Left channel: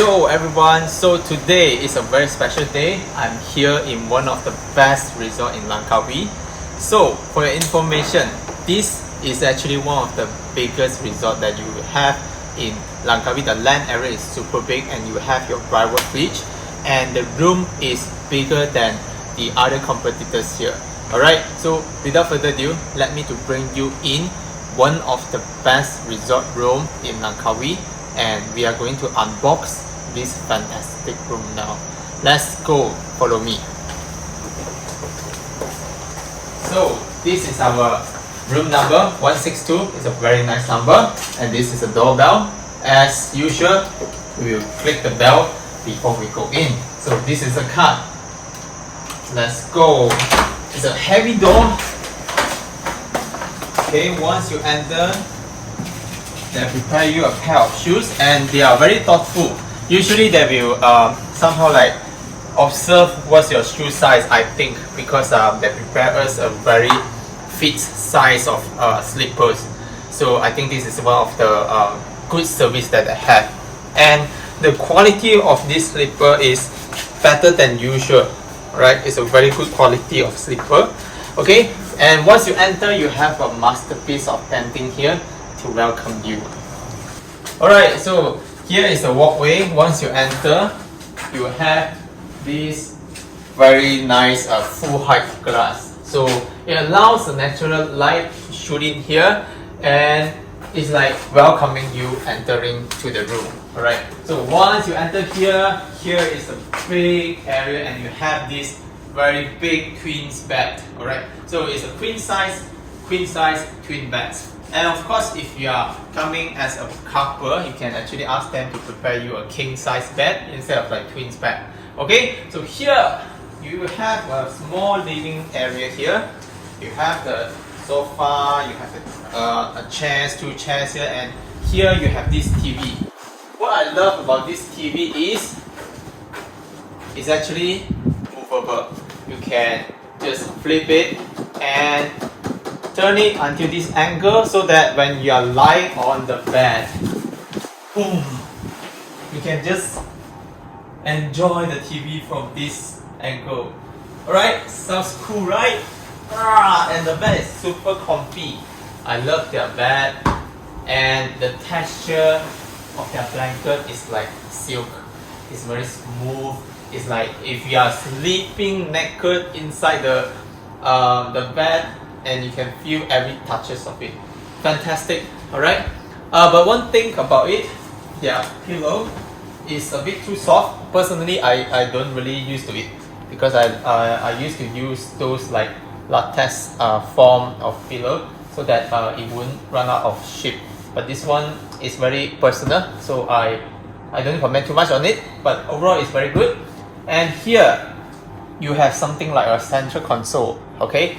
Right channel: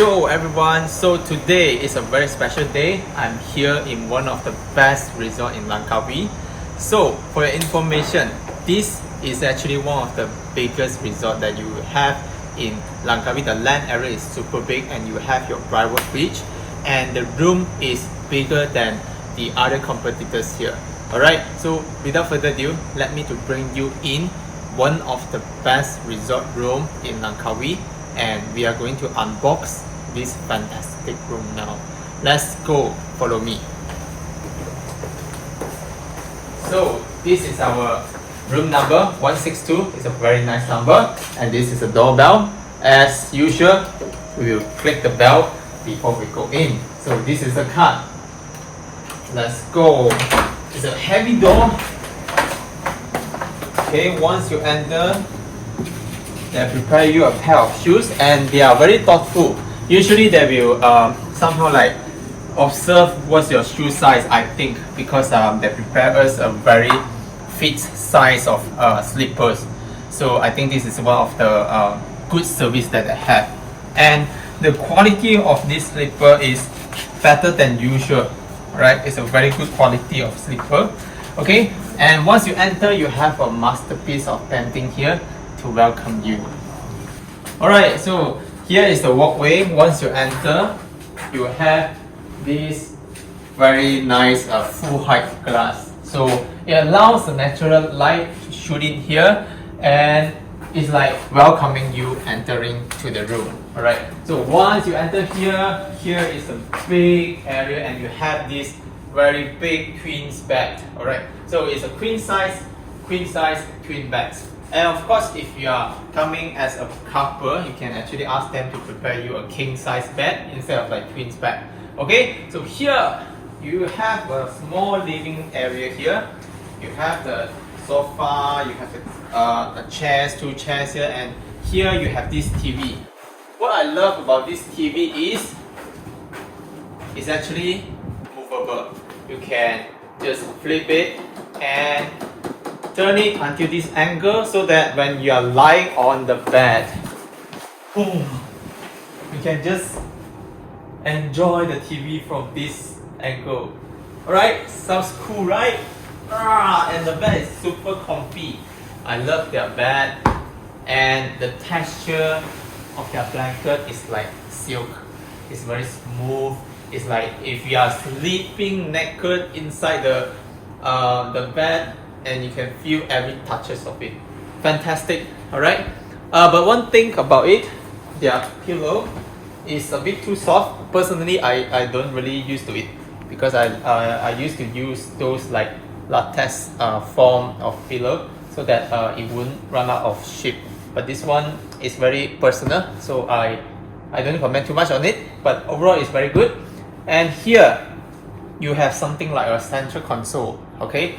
Yo everyone, so today is a very special day. I'm here in one of the best resort in Langkawi. So for your information, this is actually one of the biggest resort that you have in Langkawi. The land area is super big and you have your private beach and the room is bigger than the other competitors here. Alright, so without further ado, let me to bring you in one of the best resort room in Langkawi, and we are going to unbox this fantastic room now. Let's go, follow me. So this is our room number 162. It's a very nice number, and this is a doorbell. As usual, we will click the bell before we go in. So this is a card. Let's go. It's a heavy door. Okay, once you enter, they prepare you a pair of shoes, and they are very thoughtful. Usually they will somehow like observe what's your shoe size, I think, because they prepare us a very fit size of slippers. So I think this is one of the good service that I have. And the quality of this slipper is better than usual, right? It's a very good quality of slipper. Okay, and once you enter, you have a masterpiece of painting here to welcome you. Alright, so here is the walkway. Once you enter, you have this very nice full height glass. So it allows the natural light to shoot in here, and it's like welcoming you entering to the room. Alright, so once you enter here, here is a big area and you have this very big queen's bed. Alright, so it's a queen size twin beds. And of course, if you are coming as a couple, you can actually ask them to prepare you a king size bed instead of like twins bed. Okay, so here you have a small living area here. You have the sofa, you have a chairs, two chairs here, and here you have this TV. What I love about this TV is it's actually movable. You can just flip it and turn it until this angle so that when you are lying on the bed, boom, you can just enjoy the TV from this angle. Alright, sounds cool, right? And the bed is super comfy. I love their bed, and the texture of their blanket is like silk. It's very smooth. It's like if you are sleeping naked inside the bed, and you can feel every touches of it. Fantastic, alright? But one thing about it, their pillow is a bit too soft. Personally, I don't really used to it because I used to use those like latex form of pillow so that it wouldn't run out of shape. But this one is very personal, so I don't comment too much on it, but overall it's very good. And here you have something like a central console. Okay,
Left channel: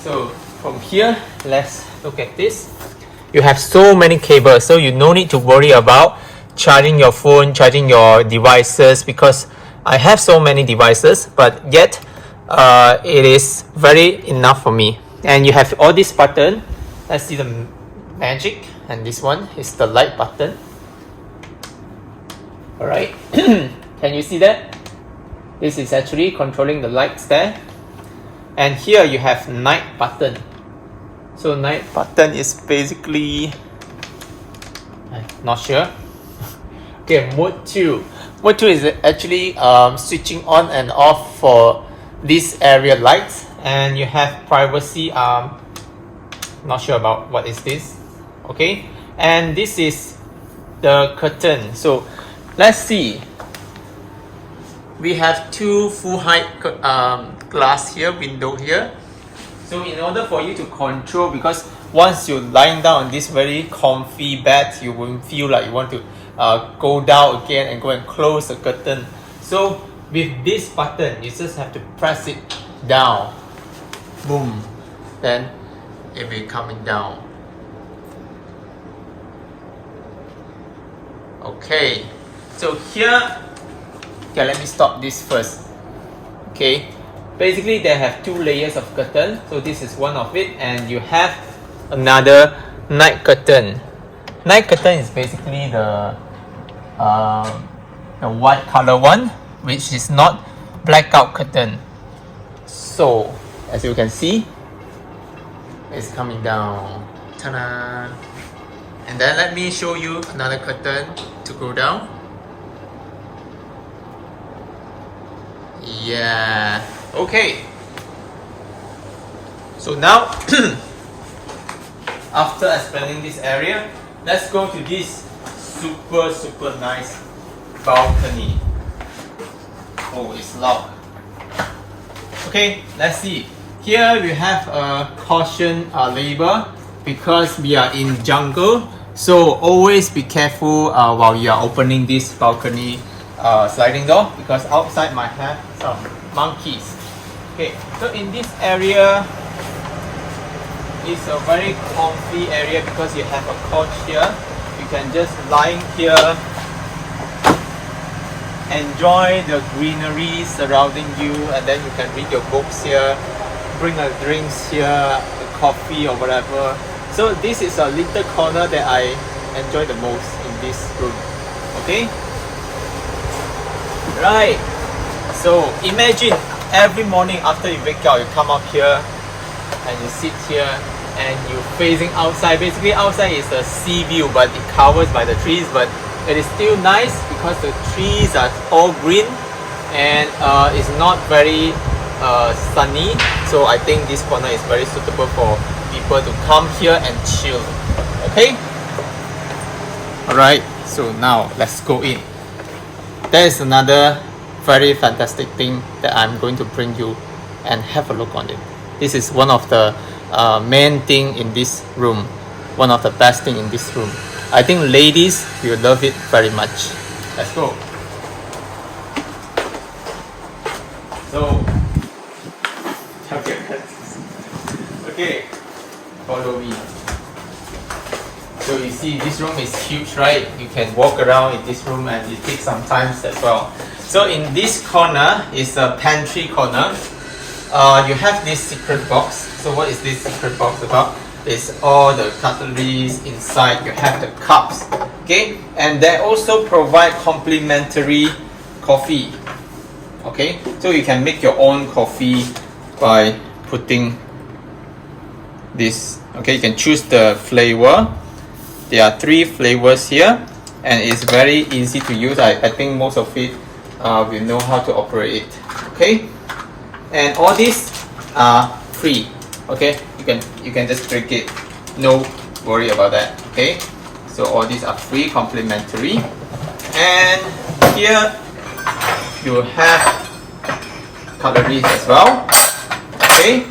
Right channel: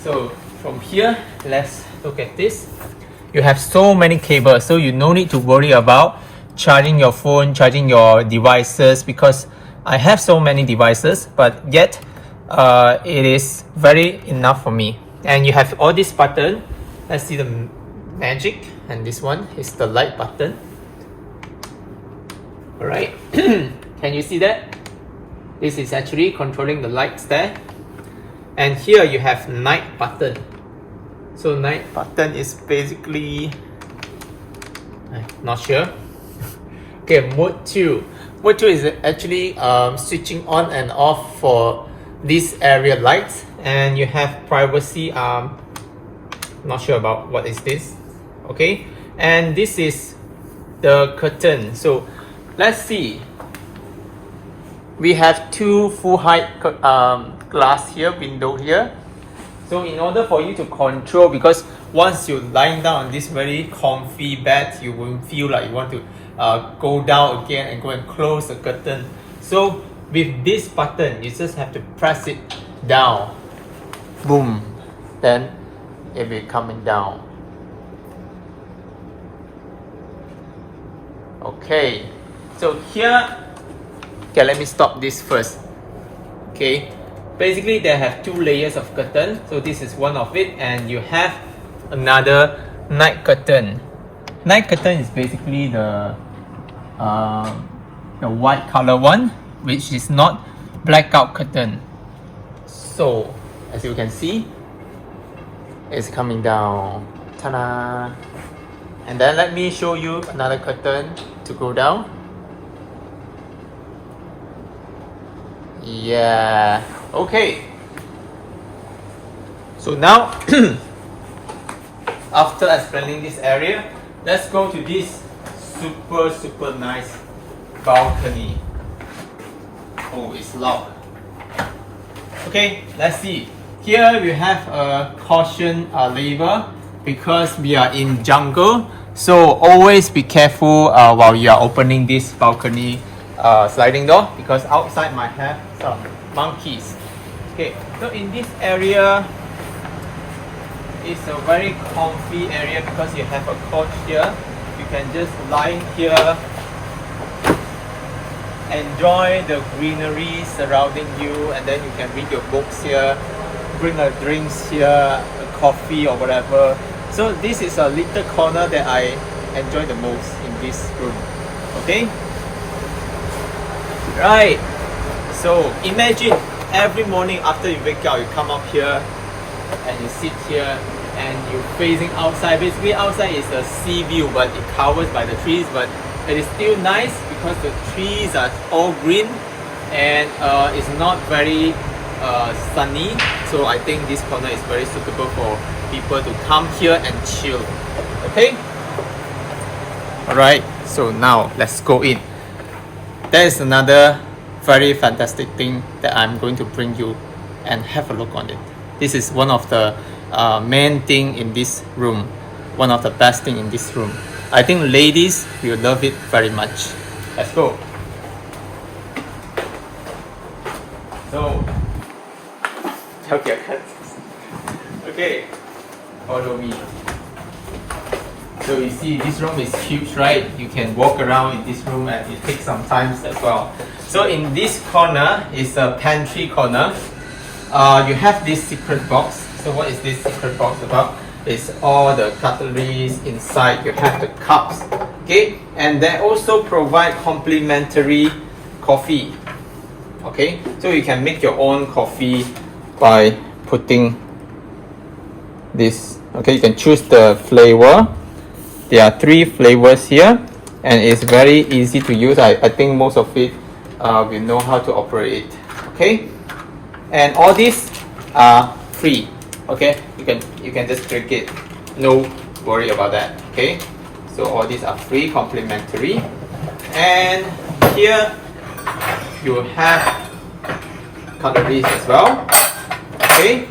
so from here, let's look at this. You have so many cables, so you no need to worry about charging your phone, charging your devices, because I have so many devices, but yet it is very enough for me. And you have all this button. Let's see the magic, and this one is the light button. Alright, can you see that? This is actually controlling the lights there. And here you have night button. So night button is basically, I'm not sure. Okay, mode 2. Mode 2 is actually switching on and off for this area lights. And you have privacy, not sure about what is this. Okay, and this is the curtain. So let's see. We have two full height glass here, window here. So in order for you to control, because once you're lying down on this very comfy bed, you won't feel like you want to go down again and go and close the curtain. So with this button, you just have to press it down. Boom. Then it will be coming down. Okay. So here, okay, let me stop this first. Okay, basically they have two layers of curtain. So this is one of it, and you have another night curtain. Night curtain is basically the the white color one, which is not blackout curtain. So as you can see, it's coming down. Ta-da! And then let me show you another curtain to go down. Yeah, okay. So now, after explaining this area, let's go to this super nice balcony. Oh, it's locked. Okay, let's see. Here we have a caution label because we are in jungle. So always be careful while you are opening this balcony sliding door, because outside might have some monkeys. Okay, so in this area, it's a very comfy area because you have a couch here. You can just lie here, enjoy the greenery surrounding you, and then you can read your books here, bring a drinks here, a coffee or whatever. So this is a little corner that I enjoy the most in this room. Okay? Right. So imagine every morning after you wake up, you come up here and you sit here and you're facing outside. Basically outside is a sea view, but it covers by the trees, but it is still nice because the trees are all green and it's not very sunny. So I think this corner is very suitable for people to come here and chill. Okay? Alright, so now let's go in. There is another very fantastic thing that I'm going to bring you and have a look on it. This is one of the main thing in this room, one of the best thing in this room. I think ladies will love it very much. Let's go. So, okay, follow me. So you see this room is huge, right? You can walk around in this room and it takes some time as well. So in this corner is a pantry corner. You have this secret box. So what is this secret box about? It's all the cutleries inside. You have the cups, okay? And they also provide complimentary coffee, okay? So you can make your own coffee by putting this, okay? You can choose the flavor. There are 3 flavors here and it's very easy to use. I think most of it will know how to operate it, okay? And all these are free, okay? You can just drink it, no worry about that, okay? So all these are free, complimentary. And here you have cutleries as well, okay?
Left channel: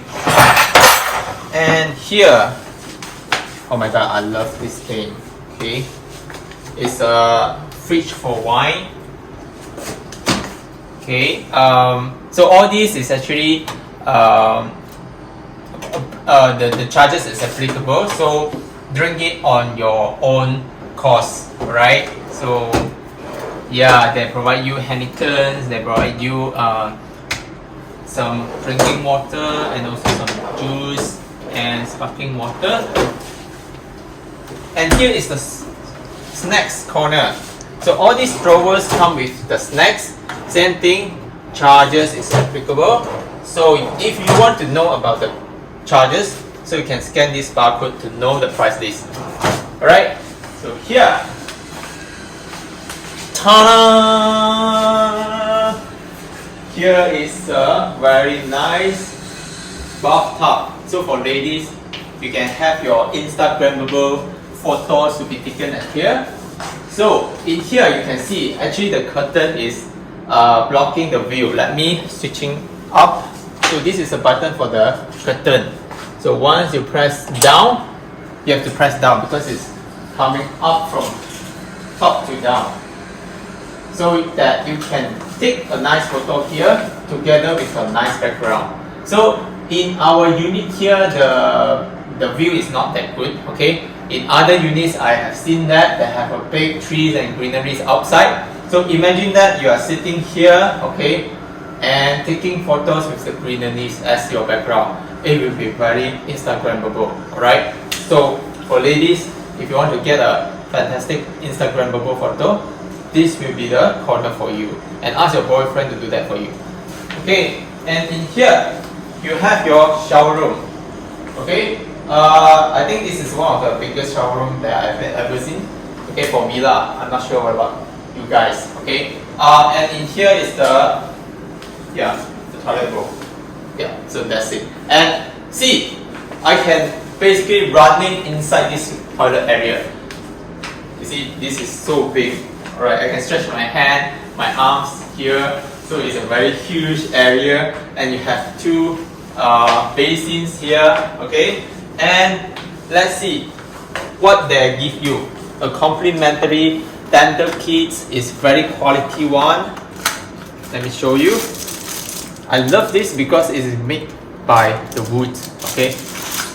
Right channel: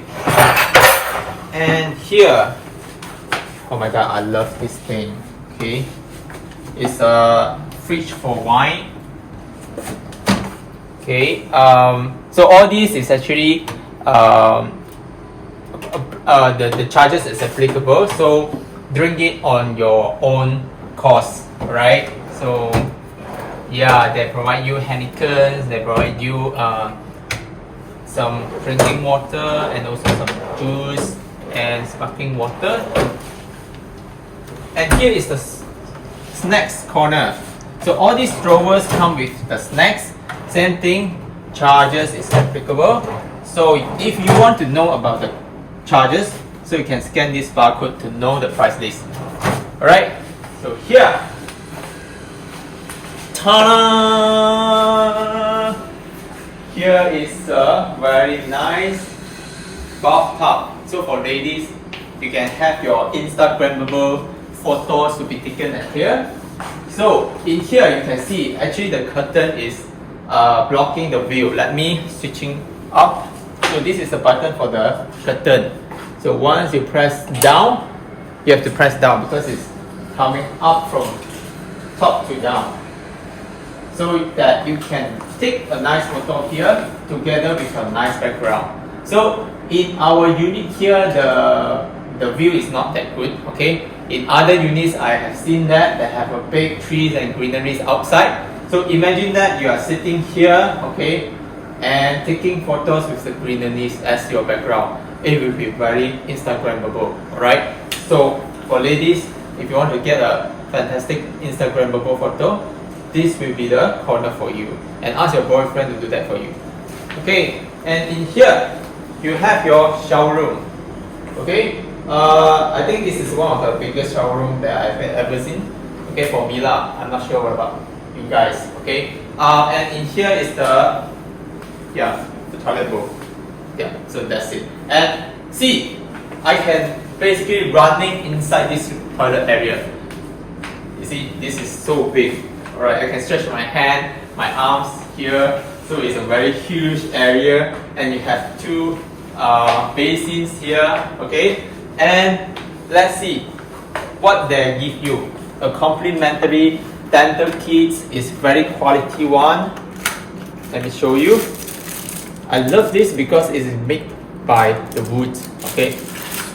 And here, oh my god, I love this thing, okay? It's a fridge for wine. Okay, so all this is actually the charges is applicable, so drink it on your own cost, right? So yeah, they provide you Heinekens, they provide you some drinking water and also some juice and sparkling water. And here is the snacks corner. So all these drawers come with the snacks. Same thing, charges is applicable. So if you want to know about the charges, so you can scan this barcode to know the price list. Alright, so here, ta-da! Here is a very nice bathtub. So for ladies, you can have your Instagrammable photos to be taken at here. So in here you can see actually the curtain is blocking the view. Let me switching up. So this is a button for the curtain. So once you press down, you have to press down because it's coming up from top to down. So that you can take a nice photo here together with a nice background. So in our unit here, the view is not that good, okay? In other units, I have seen that they have a big trees and greeneries outside. So imagine that you are sitting here, okay, and taking photos with the greeneries as your background. It will be very Instagrammable, alright? So for ladies, if you want to get a fantastic Instagrammable photo, this will be the corner for you, and ask your boyfriend to do that for you. Okay, and in here you have your shower room. Okay, I think this is one of the biggest shower room that I've ever seen. Okay, for me lah, I'm not sure what about you guys. Okay, and in here is the toilet bowl. Yeah, so that's it. And see, I can basically running inside this toilet area. You see, this is so big. Alright, I can stretch my hand, my arms here. So it's a very huge area, and you have two basins here. Okay, and let's see what they give you. A complimentary dental kit is very quality one. Let me show you. I love this because it is made by the wood. Okay,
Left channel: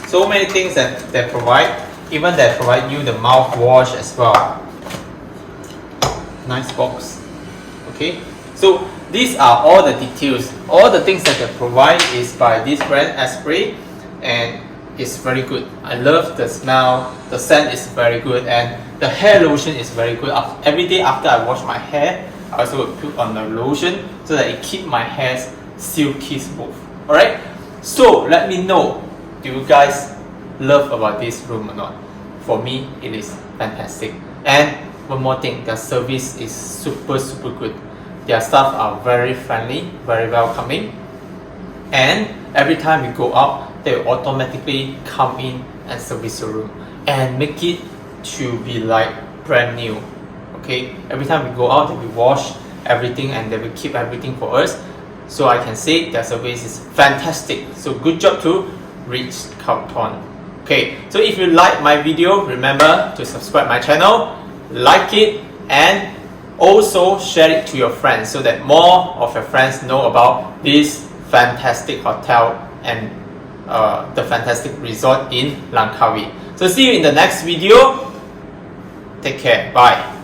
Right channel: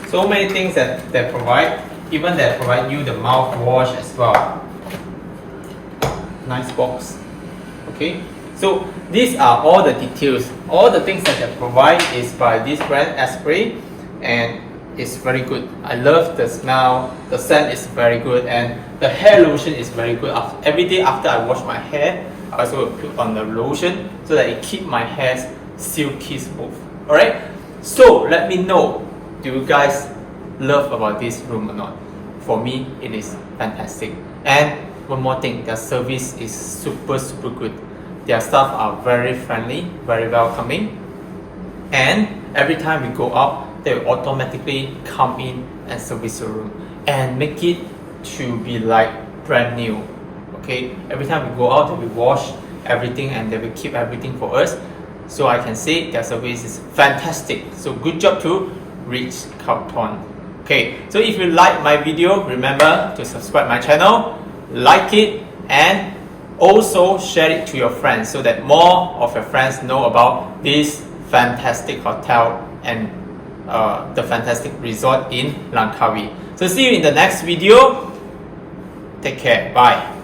so many things that they provide. Even they provide you the mouthwash as well. Nice box. Okay, so these are all the details. All the things that they provide is by this brand Esprit, and it's very good. I love the smell. The scent is very good, and the hair lotion is very good. Every day after I wash my hair, I also will put on the lotion so that it keeps my hair silky smooth. Alright, so let me know, do you guys love about this room or not? For me, it is fantastic. And one more thing, their service is super good. Their staff are very friendly, very welcoming, and every time we go out, they will automatically come in and service the room and make it to be like brand new. Okay, every time we go out, they will wash everything and they will keep everything for us. So I can say their service is fantastic. So good job to Ritz-Carlton. Okay, so if you like my video, remember to subscribe my channel, like it, and also share it to your friends so that more of your friends know about this fantastic hotel and the fantastic resort in Langkawi. So see you in the next video. Take care. Bye.